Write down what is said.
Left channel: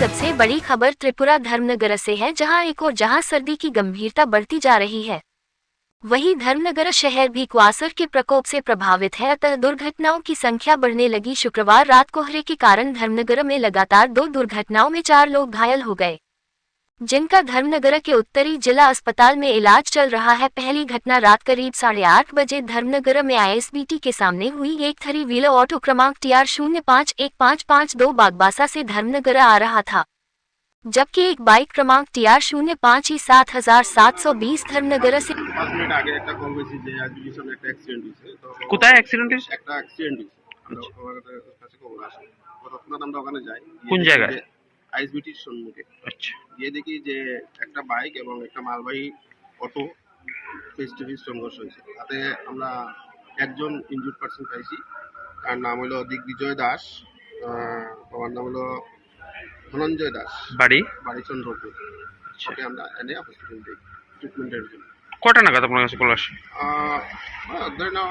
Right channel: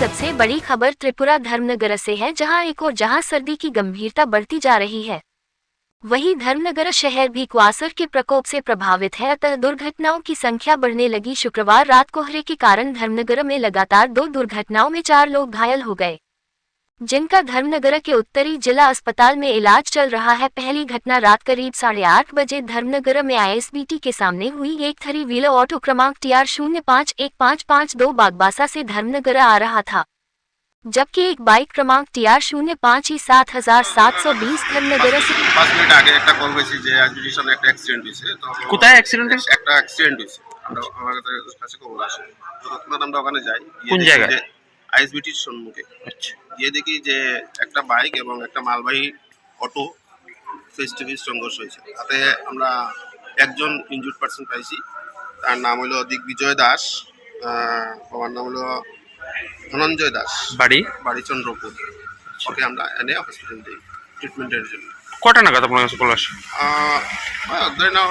सबसे बड़ी खबर त्रिपुरा धर्मनगर से है, जहां एक और जहां सर्दी की गंभीरता बढ़ती जा रही है, वहीं धर्मनगर शहर भी कुआसर के प्रकोप से प्रभावित है, अतः दुर्घटनाओं की संख्या बढ़ने लगी। शुक्रवार रात कोहरे के कारण धर्मनगर में लगातार 2 दुर्घटनाओं में 4 लोग घायल हो गए, जिनका धर्मनगर के उत्तरी जिला अस्पताल में इलाज चल रहा है। पहली घटना रात करीब 8:30 बजे धर्मनगर में ISBT के सामने हुई। एक 3 व्हीलर ऑटो क्रमांक TR051552 बागबासा से धर्मनगर आ रहा था, जबकि एक बाइक क्रमांक TR05E7720 धर्मनगर से 5 মিনিট আগে একটা কল হয়েছে যে আইসবিটির সামনে একটা অ্যাক্সিডেন্ট হয়েছে। তো কোথায় অ্যাক্সিডেন্ট হয়েছে? একটা অ্যাক্সিডেন্ট হয়েছে, আমরা আমাদের কাছে খবর আসে, তো তৎক্ষণাৎ আমরা ওখানে যাই। কোন জায়গায়? আইসবিটির সম্মুখে। আচ্ছা, গিয়ে দেখি যে একটা বাইক এবং একটা মালবাহী অটো ফেস টু ফেস সংঘর্ষ হয়েছে। তাতে আমরা একজন ইনজুর্ড পার্সন পাইছি, তার নাম হলো দিগ্বিজয় দাস, বাবার নাম হলো ধনঞ্জয় দাস, বাড়ি চন্দ্রপুর। ওকে আমরা এনে হসপিটাল দিই ট্রিটমেন্টের জন্য। কটা নাগাদ আপনার কাছে কল আসে? ধরে নাও